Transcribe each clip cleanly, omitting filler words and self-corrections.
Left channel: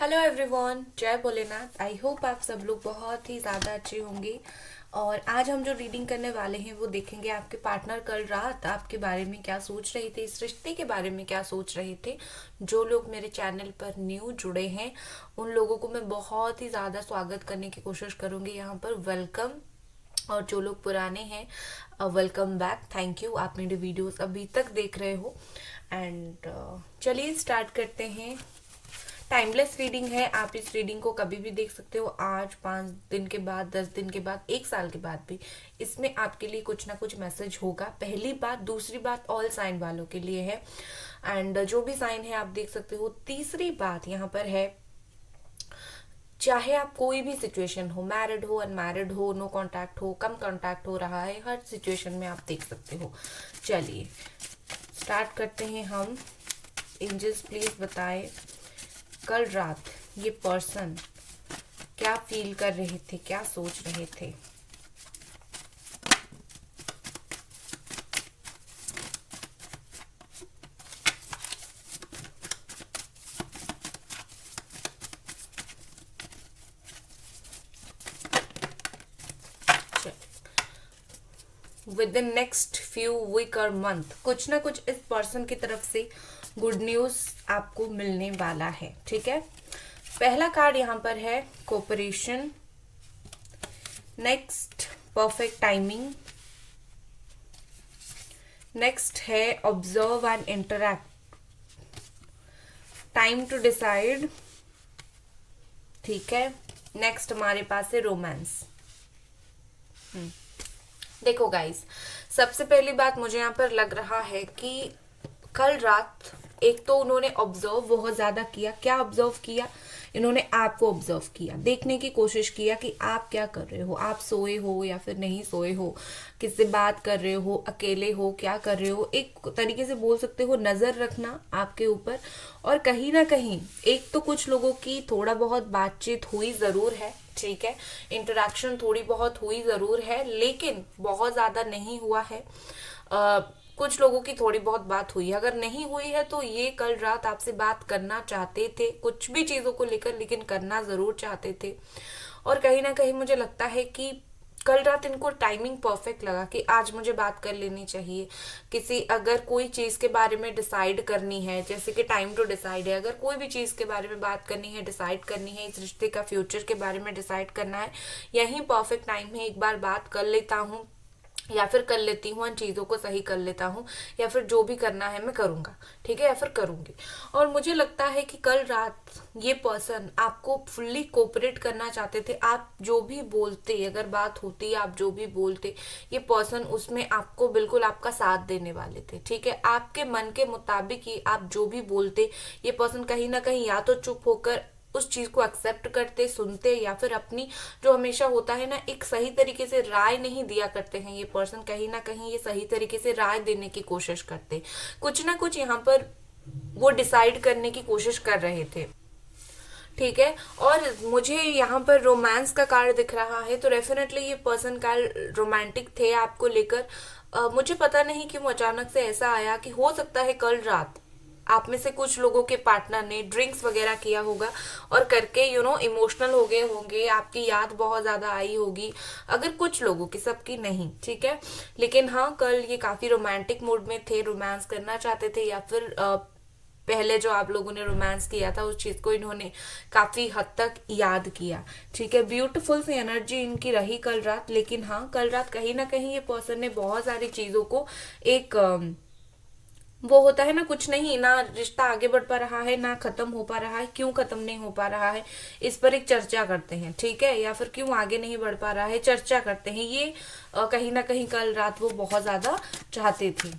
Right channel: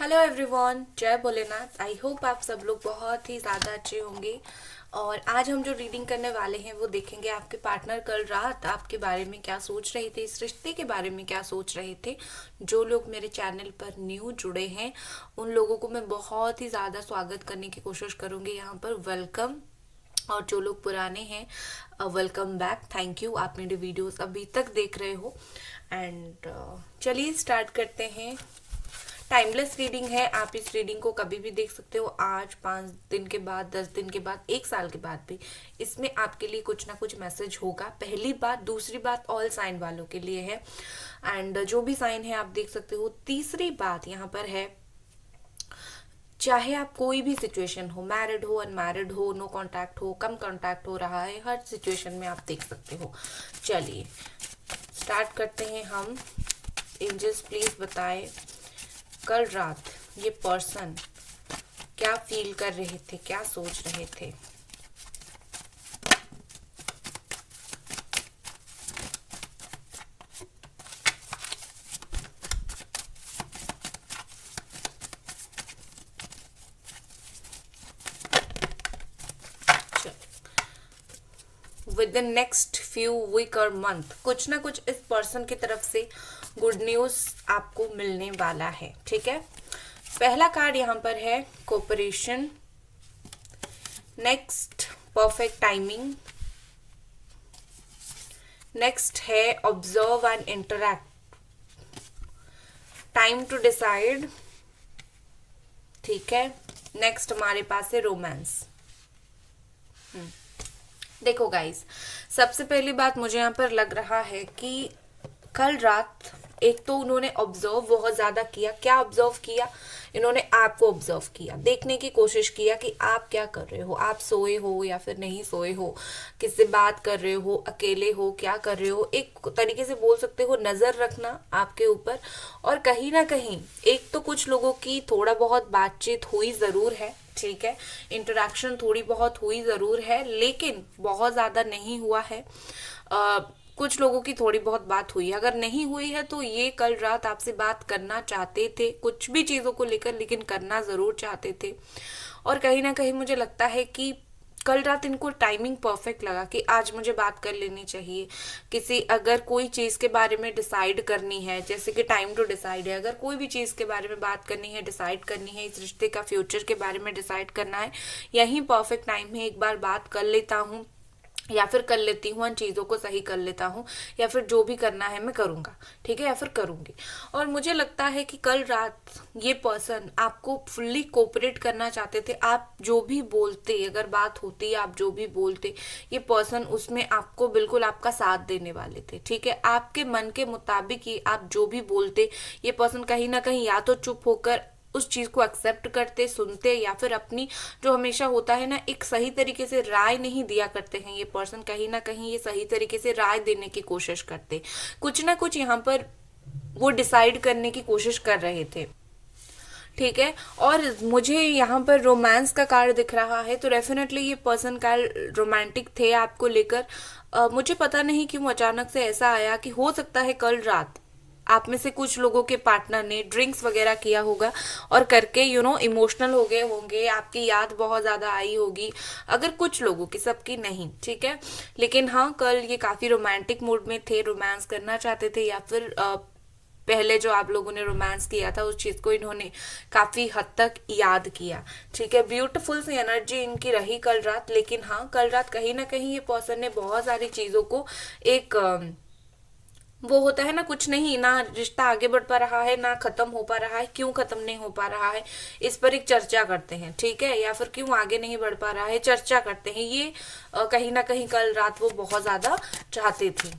Hello everyone, जय Bholenath. I hope आप सब लोग बहुत ही ज़्यादा अच्छे होंगे। और आज हम जो रीडिंग करने वाले हैं वो देखेंगे आपके पार्टनर कल रात आपके बारे में क्या सोच रहे थे, इस रिश्ते के बारे में क्या सोच रहे थे। जो लोग मेरे चैनल पर न्यू जुड़े हैं उन लोगों को मैं बहुत ही ज़्यादा स्वागत करने की कोशिश करूँगी यहाँ पर, वेलकम। और जो लोग पुराने हैं वेलकम बैक, थैंक यू, आप मेरे वीडियोस अभी तक देख रहे हो। एंड चलिए स्टार्ट करते हैं। टाइमलेस रीडिंग है, आप इस रीडिंग को कभी भी देख सकते हो, आज 5 दिन के बाद, 10 दिन के बाद, 1 साल के बाद भी इसमें आपके लिए कुछ ना कुछ मैसेज होगा। पहली बात। दूसरी बात ऑल साइन वालों के लिए है, एंड जो भी साइन है आप देख सकते हो। तीसरी बात यहाँ पर है, चाहे आप कोई भी सिचुएशन हो, मैरिड हो, अनमैरिड हो, नो कांटेक्ट हो, कम कांटेक्ट हो रहा है, हर सिचुएशन में आप देख सकते हो। चलिए स्टार्ट करते हैं हम। एंजल्स प्लीज बताएं कल रात ये पर्सन क्या फील कर रहे थे, क्या सोच रहे थे। Within next few week और मंथ कुछ ना कुछ इस पर्सन की तरफ से गुड न्यूज आपको मिलने वाला है। ठीक है, पहला कार्ड यहाँ पर है cooperation, next perfect timing, next है observe and interact, time to decide. ठीक है, नेक्स्ट हमारे पास है रोमांस। देखो गाइस, सबसे पहली बात मुझे यहाँ पर लग रहा है कि कल रात एक तो उन्होंने ऑब्जर्व बहुत ज्यादा किया। क्या ऑब्जर्व किया? इन्होंने आपको ऑब्जर्व किया, देखने की कोशिश किया कि आप क्या कर रहे हो, आप सोए हो या फिर नहीं सोए हो, किससे बात कर रहे हो, अकेले हो, क्या कर रहे हो। एक तरीके से बोल सकते हो नजर रखना आपके ऊपर। और कहीं ना कहीं एक तो कुछ लोगों की थोड़ा बहुत बातचीत हुई जरूर है, ठीक है, इंटरेक्शन थोड़ी बहुत हुई जरूर है, लेकिन बहुत ज्यादा नहीं हुआ है। कुछ लोगों की थोड़ी बहुत बात हुई है। अगर नहीं हुई है तो ये कल रात आपसे बात करना चाहते थे कुछ भी चीजों को लेकर, लेकिन करना जरूर चाहते थे। और कहीं ना कहीं मुझे लगता है कि कल रात इनको टाइमिंग परफेक्ट लगा कि आज मुझे बात कर लेनी चाहिए। किसी अगर कोई चीज के बारे में डिसाइड करनी है, जैसे कि टाइम टू डिसाइड है, अगर कोई भी चीज के बारे में बात करनी है, डिसाइड करनी है, इस रिश्ते का फ्यूचर के बारे में डिसाइड करना है, यही परफेक्ट टाइम है। एक बार बात कर लेता हूँ या फिर कर लेती हूँ, इन चीज़ों को सही कर लेता हूँ, या फिर जो भी करना है मैं करूँगा, ठीक है, या फिर करूँगी। और मुझे लगता है कि कल रात ये पर्सन आपको फुल्ली कोऑपरेट करना चाहते थे। आप जो भी बोलते, अगर बात होती, आप जो भी बोलते, ये पर्सन उसमें आपको बिल्कुल आपका साथ देने वाले थे। ठीक है, आपके मन के मुताबिक ही आप जो भी बोलते, ये पर्सन कहीं ना कहीं या तो चुप होकर उस चीज को एक्सेप्ट करते, सुनते, या फिर अपनी जो हमेशा होता है ना, एक सही तरीके से राय नहीं दिया करते हैं ये पर्सन, कहीं ना कहीं ये सही तरीके से राय देने की कोशिश करते, कुछ ना कुछ यहाँ पर वो डिसाइड करने की कोशिश कर रहे थे। ठीक है, और मुझे यहाँ पर रोमांस का कार्ड दिख रहा है, तो डेफिनेटली ये पर्सन का रोमांटिक थे आपको लेकर। मुझे पता नहीं क्यों अचानक से ऐसा आया कि हो सकता है कल रात आप में से कुछ लोगों के पार्टनर ने ड्रिंक्स वगैरह किया होगा और करके इमोशनल हो गए होंगे, आपकी याद बहुत ज्यादा आई होगी। अगर कुछ लोगों की, सबकी नहीं, ठीक है, लेकिन हाँ कल ये काफी रोमांटिक मूड में थे, रोमांस करना चाहते थे, या फिर पहले जो आप लोगों ने रोमांस किया था उस चीज को इन्होंने काफी हद तक याद किया। ठीक है, ब्यूटीफुल सी एनर्जी इनकी रही कल रात। लेकिन हाँ कल रात कहीं ना कहीं ये पर्सन ने बहुत सारी चीजों को एक वो होता है ना, कुछ नहीं ना, रिश्ता आगे बढ़ पा रहा है ना खत्म हो पा रहा है, क्यों खत्म नहीं हो पा रहा है इस पर एक चर्चा करते हैं, ठीक है, या फिर क्यों आगे नहीं बढ़ पा रहा है चर्चा करते हैं। ये कहीं ना कहीं कल रात वो बहुत ज्यादा चाहते थे।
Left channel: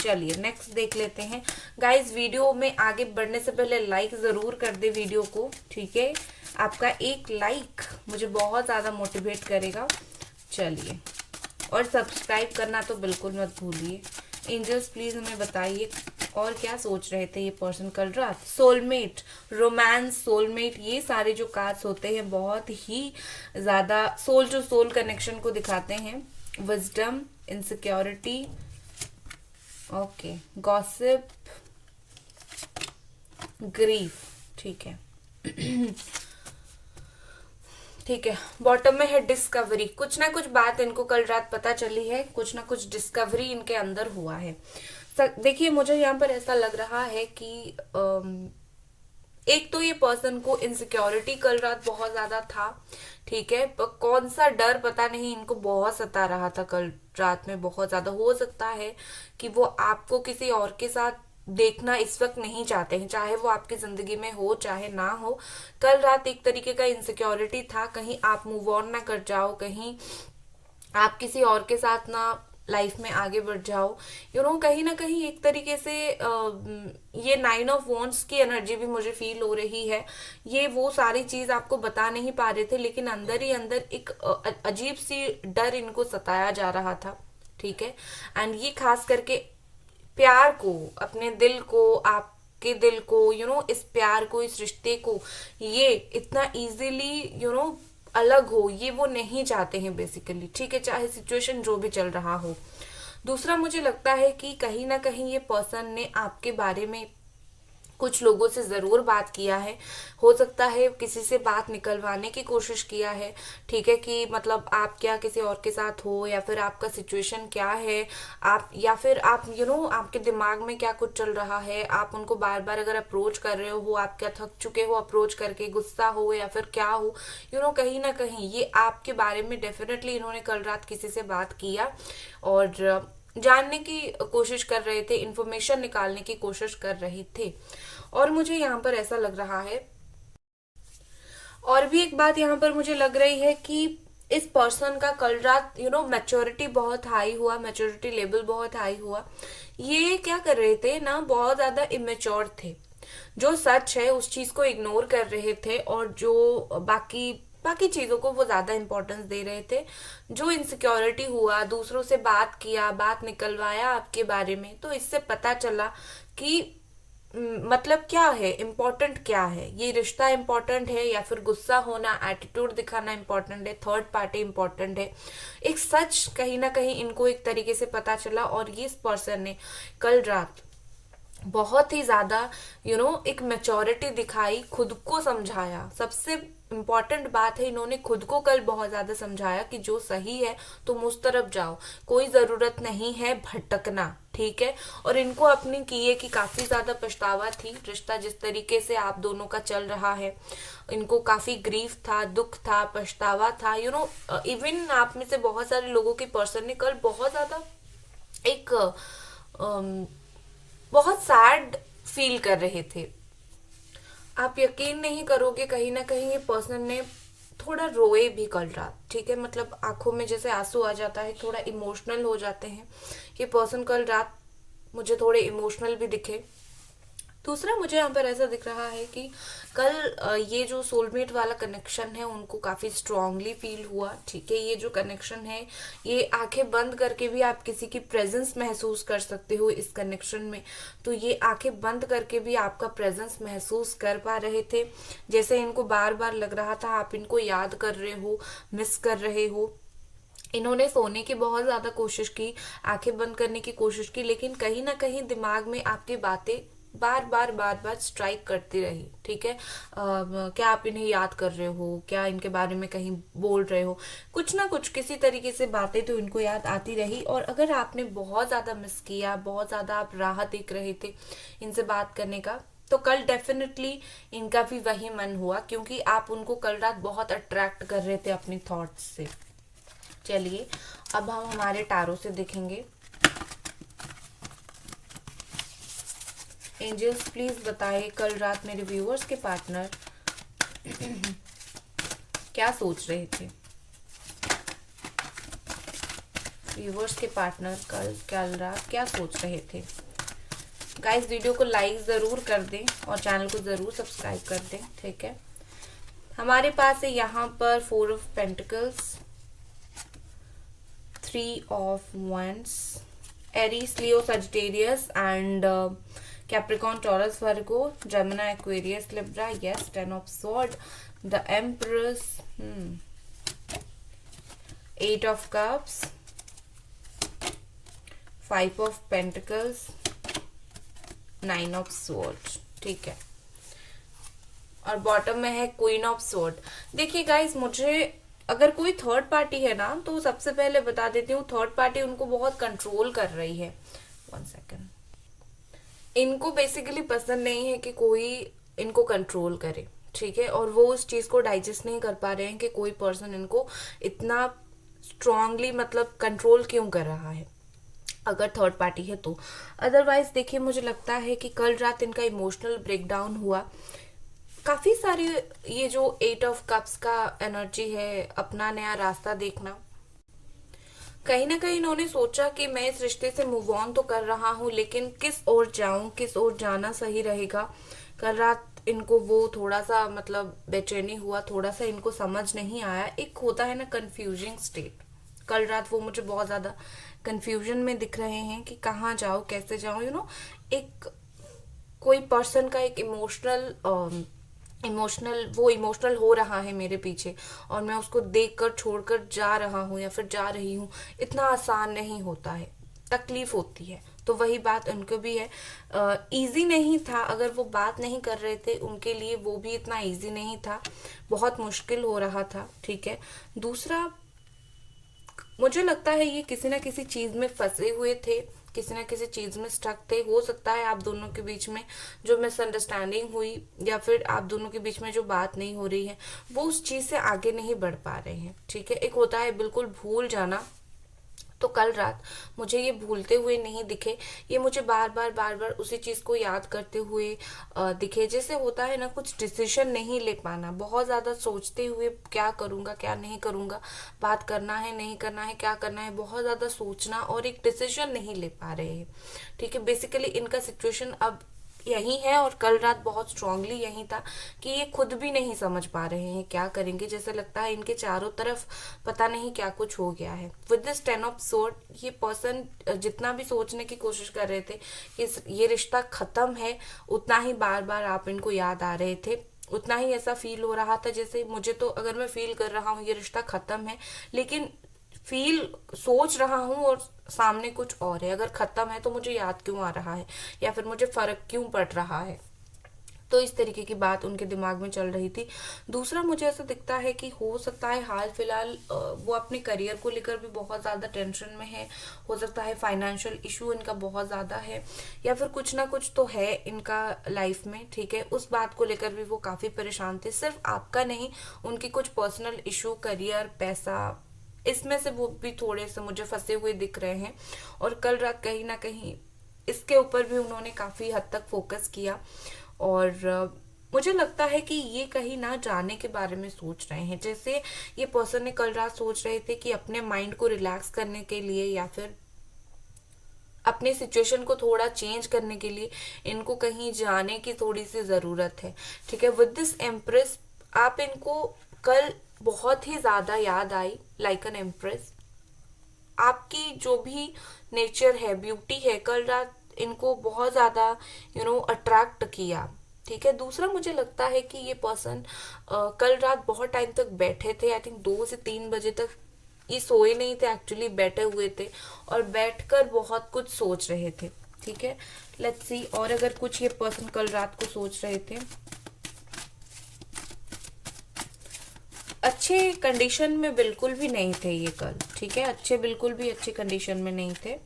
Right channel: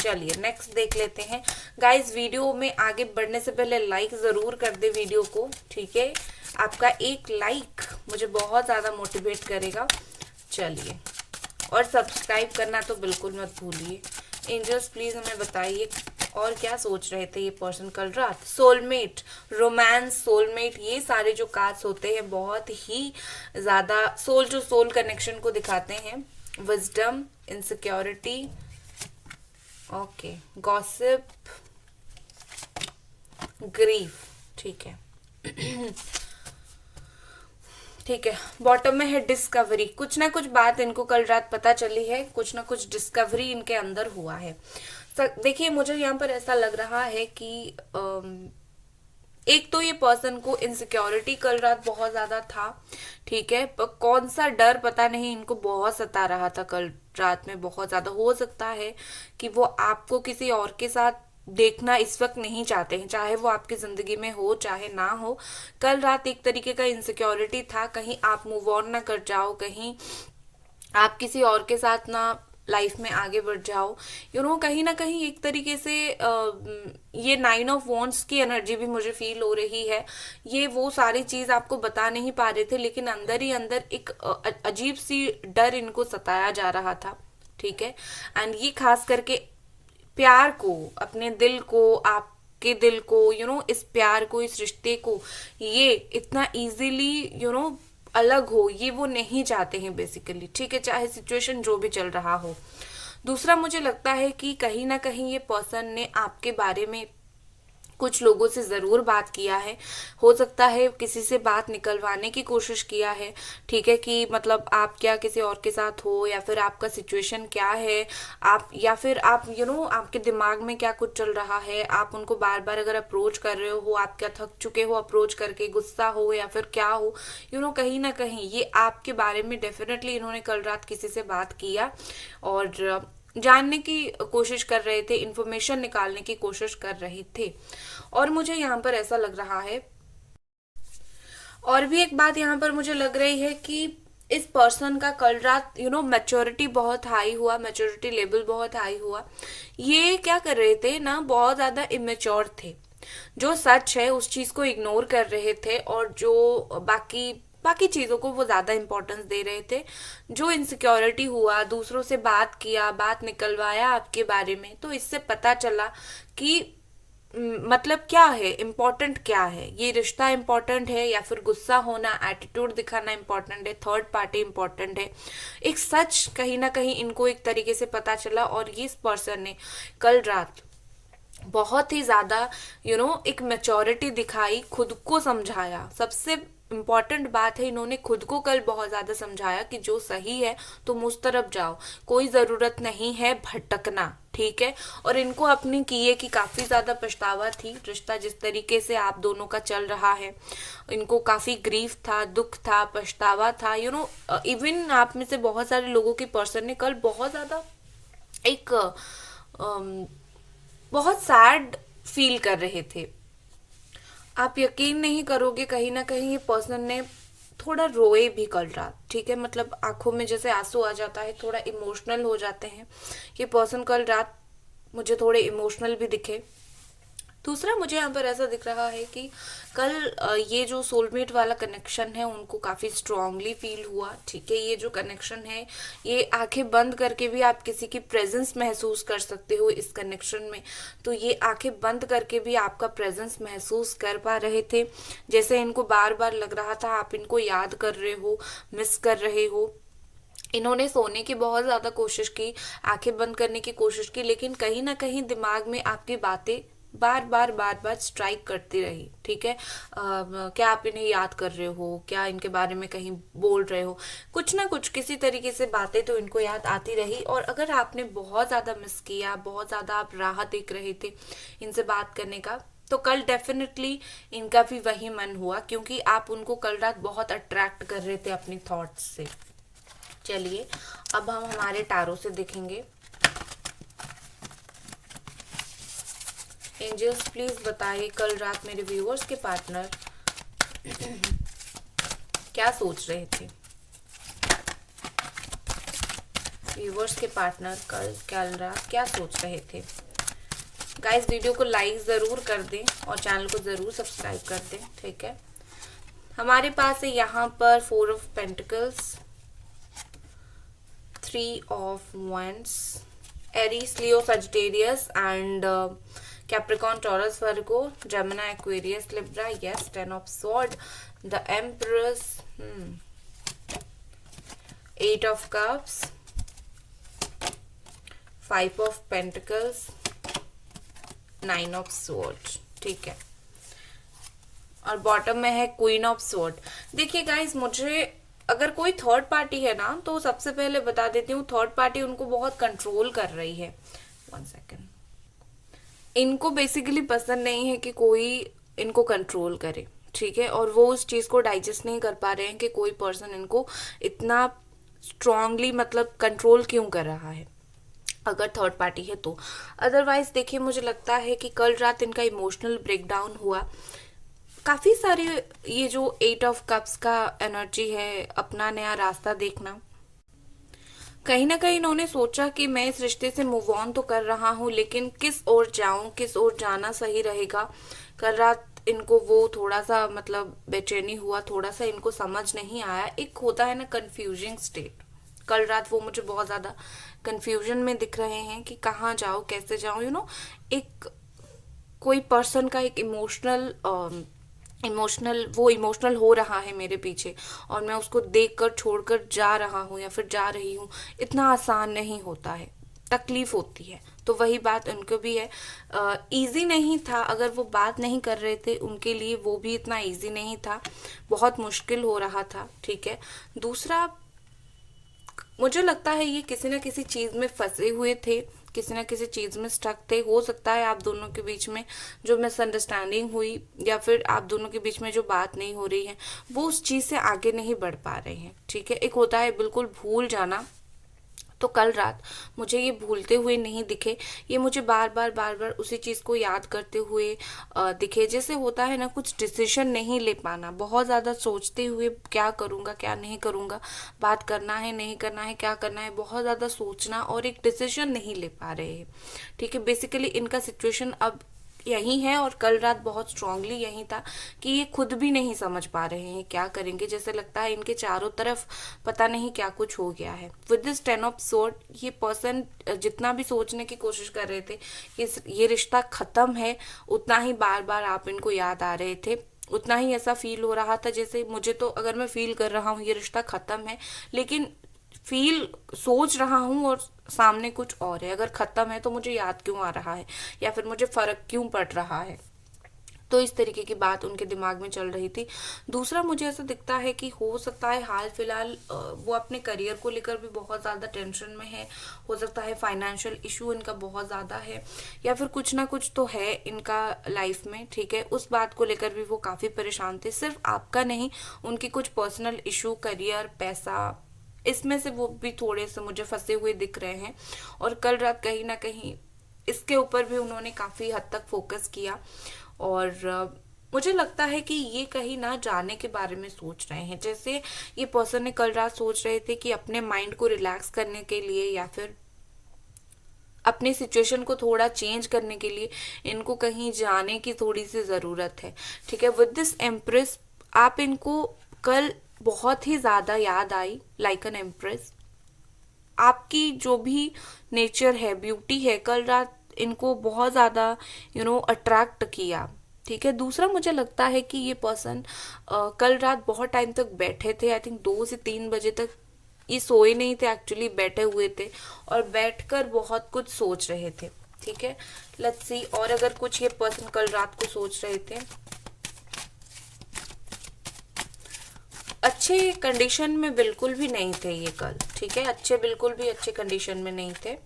चलिए नेक्स्ट देख लेते हैं। गाइस वीडियो में आगे बढ़ने से पहले लाइक जरूर कर दे वीडियो को, ठीक है, आपका एक लाइक मुझे बहुत ज्यादा मोटिवेट करेगा। चलिए, और सब्सक्राइब करना तो बिल्कुल मत भूलिए। एंजल्स प्लीज हमें बताइए और क्या सोच रहे थे ये पर्सन कल रात। सोलमेट, रोमांस, सोलमेट, ये सारे जो कार्ड्स होते हैं बहुत ही ज्यादा सोल टू सोल कनेक्शन को दिखाते हैं। Wisdom, insecurity, okay, gossip, grief, ठीक है, ठीक है, बॉटम में है डिस्कवरी। कुछ ना कुछ बात इनको कल रात पता चली है, कुछ ना कुछ डिस्कवरी इनके अंदर हुआ है। देखिए मुझे यहाँ पर ऐसा लग रहा है कि एक तो ये पर्सन को इनसिक्योरिटी कल रात बहुत ज्यादा था, ठीक है, पर कौन सा डर पता नहीं इनको बहुत सता रहा था कल रात में बहुत ज्यादा। हो सकता है कि वो आपको किसी और के साथ देखना इस वक्त नहीं चाहते हैं, चाहे वो आपकी जिंदगी में हो चाहे ना हो। कल रात एक तरीके का इनसिक्योरिटी था, कहीं आप मूव ऑन ना कर जाओ, कहीं आप किसी और के साथ ना लाइफ में आगे बढ़ जाओ। कहीं ना कहीं एक तरीके से ये 9 ऑफ वॉन्ड्स की एनर्जी भी मुझे फील हो रही है। ये वो सारी चीज आपको बता नहीं पा रहे थे, लेकिन अंदर ही अंदर एक अजीब सी डर इनको सताया जा रहा था, ठीक है। एंड ये खास करके प्यार को, अपने दिल को, आपके दिल को, इस प्यार को, इस रिश्ते को ये इतना इजीली अलग हो, ये वो नहीं चाहते हैं बेसिकली, ठीक है, चाहे सिचुएशन जो भी चल रहा हो। दूसरा मुझे लगता है कि कहीं ना कहीं ये पर्सन ने आपके बारे में कुछ लोगों से जरूर बात किया है। हो सकता है किसी से बात निकलवाने की कोशिश किया है, ठीक है, कि मतलब आप क्या किसी और के साथ हो, या फिर आपका सिचुएशन क्या है, आप या फिर आप आपके दिमाग में क्या कुछ चल रहा है। आप उनको बार बार अगर अप्रोच कर रहे हो, आप क्या थक चुके हो अप्रोच करके, गुस्सा हो या फिर क्या हो, कहीं ना कहीं ये आपके बारे में डेफिनेटली इन्होंने कल रात किसी से बात किया और जानने की कोशिश कर रहे थे, इंफॉर्मेशन निकालने की कोशिश कर रहे थे। और मुझे यहाँ पर ऐसा लग रहा है, और भी एक बात यहाँ पर मुझे लग रही है कि इस पर्सन का कल रात मैच्योरिटी बहुत हाई हुआ, मैच्योरिटी लेवल बहुत हाई हुआ। ये क्या कर रहे थे ना, बहुत ज्यादा इमेच्योर थे। जो सच है उस चीज को इग्नोर कर रहे थे, और जो बाकी बाकी चीजों को वो ज्यादा इंपॉर्टेंस दे रहे थे। जो इनसिक्योरिटी हुआ, दूसरों से बात किया, बात निकलवाया आपके बारे में, तो इससे पता चला कि मतलब क्या है इम्पोर्टेंट, क्या है ये रिश्ता इम्पोर्टेंट है, या फिर गुस्सा होना, एटीट्यूड दिखाना इम्पोर्टेंट है, थर्ड पार्टी इम्पोर्टेंट है। एक सच कहीं ना कहीं इनको एक तरीके से पता चला, और ये इस पर्सन ने कल रात बहुत ही ज्यादा एक मेचोरिटी दिखाई, खुद को समझाया। सबसे इम्पोर्टेंट बात है, इन्होंने खुद को कल बहुत ज्यादा समझाया कि जो सही है तुम उस तरफ जाओ, कोई जरूरत नहीं है भटकना, ठीक है। और इनको अपनी किए की काफी ज्यादा पछतावा थी, रिश्ता जिस तरीके से आप दोनों का चल रहा है, इनको काफी ग्रीफ था, दुख था, पछतावा था। इवन आप में से बहुत सारे लोगों की पर्सन ने कल बहुत ज्यादा एक बहुत सैड फील कर रहे थे। आप यकीन नहीं करोगे, कहीं ना कहीं ये पर्सन ने थोड़ा रोए भी कल रात, ठीक है, मतलब आंखों में जैसे आंसू आ जाता है, थोड़ा इमोशनल हो जाते हैं। ये पर्सन कल रात मुझे थोड़े इमोशनल भी दिखे। दूसरा मुझे यहाँ पर ऐसा दिख रहा है कि कल ये जो सोलमेट वाला कनेक्शन है उनको काफी स्ट्रांगली फील हुआ, ठीक है। ये जो कनेक्शन है, ये आंखें बंद करके भी आप किसी की प्रेजेंस महसूस कर सकते हो इस कनेक्शन में। तो ये आंखें बंद करके भी आपका प्रेजेंस महसूस कर पा रहे थे, जैसे इनको बार बार लग रहा था आप इनको याद कर रहे हो, मिस कर रहे हो। इन्होंने सोने की बहुत ज्यादा कोशिश की, आंखें बंद करने की कोशिश की, लेकिन कहीं ना कहीं दिमाग में आपकी बातें बार बार स्ट्राइक करती रही, ठीक है। क्या आप इन्हें याद कर रहे हो, क्या इनके बारे में कहीं बोल रहे हो, कुछ ना कुछ किसी तरीके से बातें तो इनको याद आती रही। और अगर आपने बहुत ज्यादा मिस किया, बहुत ज्यादा आप राह देख रहे थे इनसे बात करने का, तो कल डेफिनेटली इनका भी वही मन हुआ, क्योंकि आप उनको कल रात बहुत अट्रैक्ट कर रहे थे अपनी थॉट्स से। चलिए अब हम हमारे टारो से देखेंगे। एंजल्स प्लीज बताइए कल रात मेरे व्यूअर्स के पार्टनर क्या सोच रहे थे। व्यूअर्स के पार्टनर कल रात क्या सोच रहे थे। गाइस वीडियो को लाइक जरूर कर दें और चैनल को जरूर सब्सक्राइब कर दें, ठीक है। हमारे पास है यहाँ पर 4 of pentacles, 3 of wands, Aries, Leo, Sagittarius and Capricorn, Taurus, Virgo, Gemini, Aquarius, Libra. Yes, 10 of Swords, the Empress, 8 of Cups, 5 of Pentacles, 9 of Swords, ठीक है। और बॉटम में है क्वीन ऑफ स्वॉर्ड। देखिए गाइस, मुझे अगर कोई थर्ड पार्टी है ना, तो सबसे पहले बता देती हूँ, थर्ड पार्टी उनको बहुत कंट्रोल कर रही है। 1 सेकेंड। इनको बेसिकली पसंद नहीं है कि कोई इनको कंट्रोल करे, ठीक है, और वो उस चीज को डाइजेस्ट नहीं कर पा रहे हैं कि कोई पर्सन इनको इतना स्ट्रांगली मतलब कंट्रोल क्यों कर रहा है, अगर थर्ड पार्टी है तो। अदरवाइज देखिए, मुझे लगता है कि कल रात इनका इमोशनल ब्रेकडाउन हुआ काफी सारी। ये जो 8 ऑफ कप्स का एनर्जी है, अपना नया रास्ता देखना, कहीं ना कहीं इन्होंने सोचा कि मैं इस रिश्ते से मूव ऑन तो कर रहा हूँ, लेकिन किस ओर जाऊं, किस ओर जाना सही रहेगा। कल रात इनको वो थोड़ा सा मतलब बेचैनी हुआ, थोड़ा सा इनको समझ नहीं आया। एक होता है ना कंफ्यूजिंग स्टेट, कल रात वो मुझे बहुत ज्यादा कंफ्यूजन में दिख रहे हैं कि कहाँ जाओ, कैसे जाओ, एक कोई पर्सन का एक इमोशनल हो रहा है मेरे पीछे, और मैं उसको देखकर छोड़कर जा रहा हूँ या फिर जा रही हूँ। इतना आसान नहीं होता है, तकलीफ होती है। तो वही बात उनको भी है। इजी नहीं था, अगर वो बात नहीं कर रहे थे उनके लिए वो भी इतना इजी नहीं था, बहुत मुश्किल हो रहा था, ठीक है। दूसरा, मुझे लगता है ये किसी ना किसी चीज में फंसे हुए थे, किसी ना किसी चीज में स्टक थे। हो सकता है आप दोनों के बीच में जो मिसअंडरस्टैंडिंग हुई, या फिर आप दोनों के बीच में जो बात नहीं हो रही है, वो उस चीज से आगे नहीं बढ़ पा रहे हैं, ठीक है। एक होता है बिल्कुल भूल जाना, तो कल रात मुझे ये भूलते हुए नहीं दिखे, ये मुझे बार बार उसी चीज को याद करते हुए दिखे। जैसे होता है ना, कुछ डिसीजन नहीं ले पाना, बहुत ज्यादा सोचते हुए क्या करूंगा क्या नहीं करूंगा, बात करना है नहीं करना है, क्या करना है, बहुत ज्यादा सोचना और एक डिसीजन नहीं ले पा रहे हैं, ठीक है। बेसिकली इनका सिचुएशन अब यही है, और कल रात बहुत स्ट्रांगली यही था कि ये खुद भी नहीं समझ पा रहे हैं क्या करेंगे। जैसे लगता है इनके चारों तरफ पता नहीं क्या कुछ हो गया है। विद दिस 10 ऑफ स्वॉर्ड, ये पर्सन जितना भी सोचने की कोशिश कर रहे थे कि ये रिश्ता खत्म है, उतना ही बार बार आप इनको याद आ रहे थे, उतना ही ऐसा फील हो रहा था जैसे मुझे तो, अगर मैं फील कर रहा हूँ ये रिश्ता खत्म है, लेकिन फील सोच रहा हूँ और सामने कुछ और है। अगर खत्म है तो मुझे याद क्यों आ रहा है, या फिर मुझे फर्क क्यों पड़ रहा है। तो इस तरीके की बात उनके दिमाग में चल रही थी। दूसरा, मुझे ऐसा दिखता है कि हो सकता है हाल फिलहाल वो अपने करियर को लेकर भी बहुत ज्यादा टेंशन में है। हो सकता है फाइनेंशियल इशू इनका बहुत ज्यादा है, या फिर कुछ ना कुछ तो है इनका लाइफ में, ठीक है। उस बात को लेकर भी वो काफी परेशान थे, सिर्फ आपका नहीं, उनकी कुछ पर्सनल इशू, करियर, पैसा, इसमें से वो भी थोड़े से मुझे फंसे हुए दिख रहे हैं। और कल रात कहीं ना कहीं इसके ऊपर भी उन्होंने काफी हद तक फोकस किया। और मुझे लगता है कि ये कहीं ना जाने के बारे में सोच रहे हैं। जैसे ये पर्सन ने कल रात सोच रहे थे कि अपने माइंड को रिलैक्स करने के लिए, या फिर अपनी सिचुएशन को थोड़ा चेंज करने के लिए इनको कहीं जाने की थोड़ी सी जरूरत है, ठीक है। विद दिस एम्प्रेस, आप इनको कल बहुत ही ज्यादा याद आई, लाइक एन एम्प्रेस। आपकी जो भी नेचर है, ब्यूटी है, कल रात इनको बहुत ज्यादा अट्रैक्ट किया, ठीक है। दूसरा, मुझे लगता है कि ये पर्सन कल रात बहुत टाइम तक बैठे थे, आई थिंक 2 से 3 बजे तक ये सोए नहीं थे, एक्चुअली बैठे हुए थे और बैठकर बहुत कुछ सोच रहे थे, ठीक है। लेट्स सी, और अगर कुछ ये पर्सन कल रात को सोच रहे थे, अच्छे कंडीशन में बिल्कुल भी नहीं थे ये कल, ठीक है। बिल्कुल भी अच्छे कंडीशन में नहीं थे।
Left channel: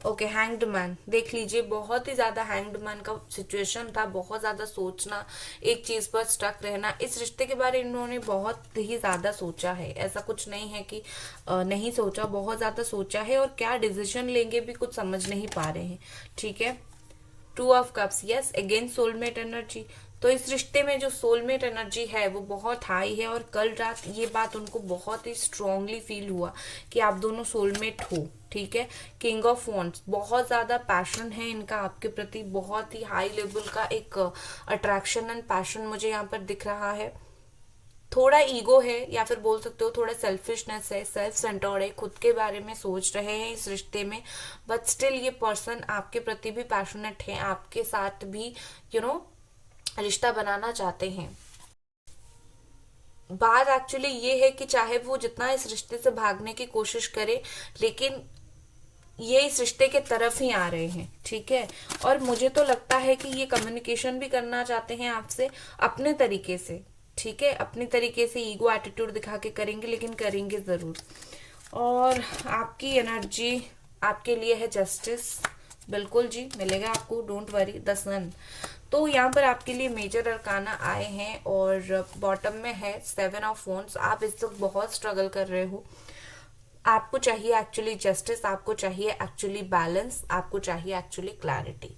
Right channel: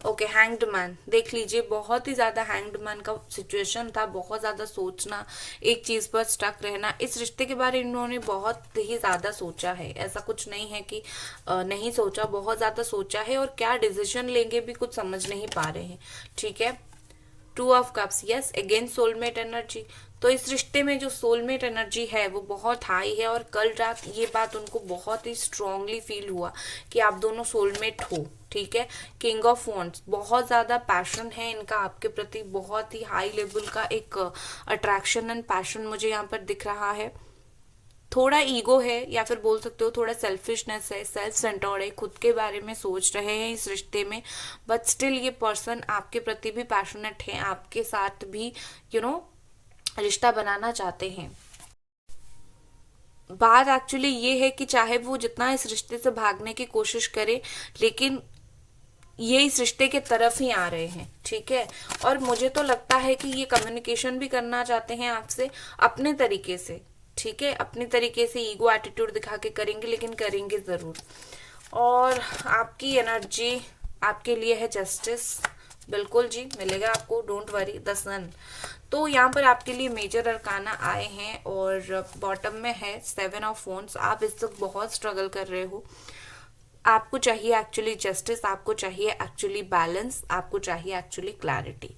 ओके, हैंग्ड मैन देख लीजिए, बहुत ही ज्यादा हैंग्ड मैन का सिचुएशन था, बहुत ज्यादा सोचना, एक चीज पर स्टक रहना। इस रिश्ते के बारे में इन्होंने बहुत ही ज्यादा सोचा है, ऐसा कुछ नहीं है कि नहीं सोचा, बहुत ज्यादा सोचा है, और क्या डिसीजन लेंगे भी कुछ समझ नहीं पा रहे हैं, ठीक है। 2 of cups, yes, again soulmate energy. तो इस रिश्ते में जो सोलमेट एनर्जी है वो बहुत हाई है, और कल रात ये बात उनको बहुत ही स्ट्रांगली फील हुआ कि आप दोनों सोलमेट हो, ठीक है। किंग ऑफ वॉन्ड्स, बहुत ज्यादा पैशन है इनका आपके प्रति, बहुत ही हाई लेवल का एक अट्रैक्शन एंड पैशन मुझे यहाँ पर दिख रहा है। थोड़ा ईगो है, या फिर बोल सकते हो थोड़ा सेल्फिशनेस है, सेल्फ सेंटर्ड है, खुद के बारे में सोच रहे हैं इस रिश्ते में। बट स्टिल ये पर्सन आपके प्रति भी पैशनेट है, आपके साथ भी रिश्ता बनाना चाहते हैं। बात एक्चुअली ये है कि चाहे वो जितना इस रिश्ते से भागने की कोशिश करे, लेकिन ये इस रिश्ते के तरफ ही आ रहे हैं, ठीक है। और मुझे तो लगता है कि ये कम्युनिकेशन भी करना चाहते हैं आपसे अपने तरीके से, ठीक है, अपने तरीके से ईगो एटीट्यूड दिखा के करेंगे, लेकिन करेंगे जरूर। और आपकी एनर्जी आपके लिए है जस्टिस, बिल्कुल जी मिलेगा आपको, डोंट वरी। द सन, तो यहाँ पर आपके लिए मेजर अरकाना आए हैं और बॉटम में है 7 ऑफ वॉन्ड्स। आप इस वक्त बहुत स्ट्रगल कर रहे हो, आपको चाहिए एक्चुअली जस्टिस, आपको चाहिए एक्चुअली बैलेंस, आपको चाहिए एक्चुअली क्लैरिटी।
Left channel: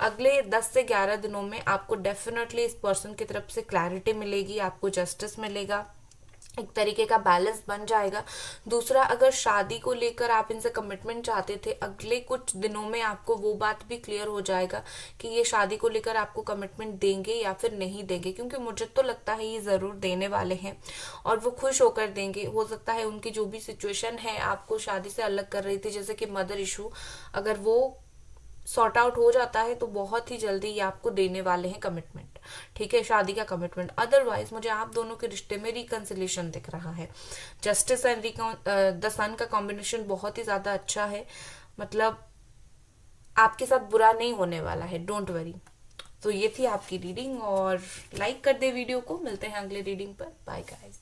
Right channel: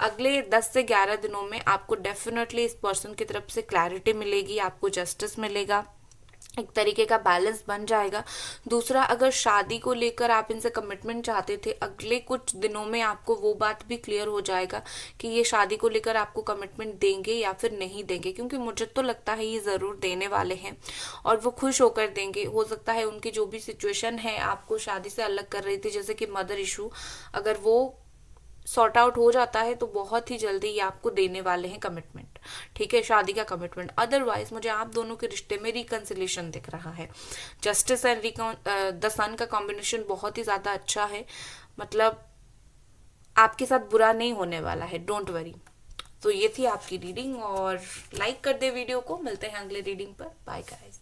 अगले 10 से 11 दिनों में आपको डेफिनेटली इस पर्सन की तरफ से क्लैरिटी मिलेगी, आपको जस्टिस मिलेगा, एक तरीके का बैलेंस बन जाएगा। दूसरा, अगर शादी को लेकर आप इनसे कमिटमेंट चाहते थे, अगले कुछ दिनों में आपको वो बात भी क्लियर हो जाएगा कि ये शादी को लेकर आपको कमिटमेंट देंगे या फिर नहीं देंगे, क्योंकि मुझे तो लगता है ये जरूर देने वाले हैं और वो खुश होकर देंगे। हो सकता है उनकी जो भी सिचुएशन है आपको शादी से अलग कर रही थी, जैसे कि मदर इशू, अगर वो सॉर्ट आउट हो जाता है तो बहुत ही जल्दी ये आपको देने वाले हैं कमिटमेंट, ठीक है, शादी का कमिटमेंट। अदरवाइज मुझे आप दोनों के रिश्ते में रिकंसिलेशन दिख रहा है। जस्टिस एंड द सन का कॉम्बिनेशन बहुत ही ज्यादा अच्छा है, मतलब आपके साथ बुरा नहीं होने वाला है, डोंट वरी। तो ये थी आपकी रीडिंग, और लाइक कर दे वीडियो को। मिलते हैं अगले रीडिंग पर, बाय गाइस।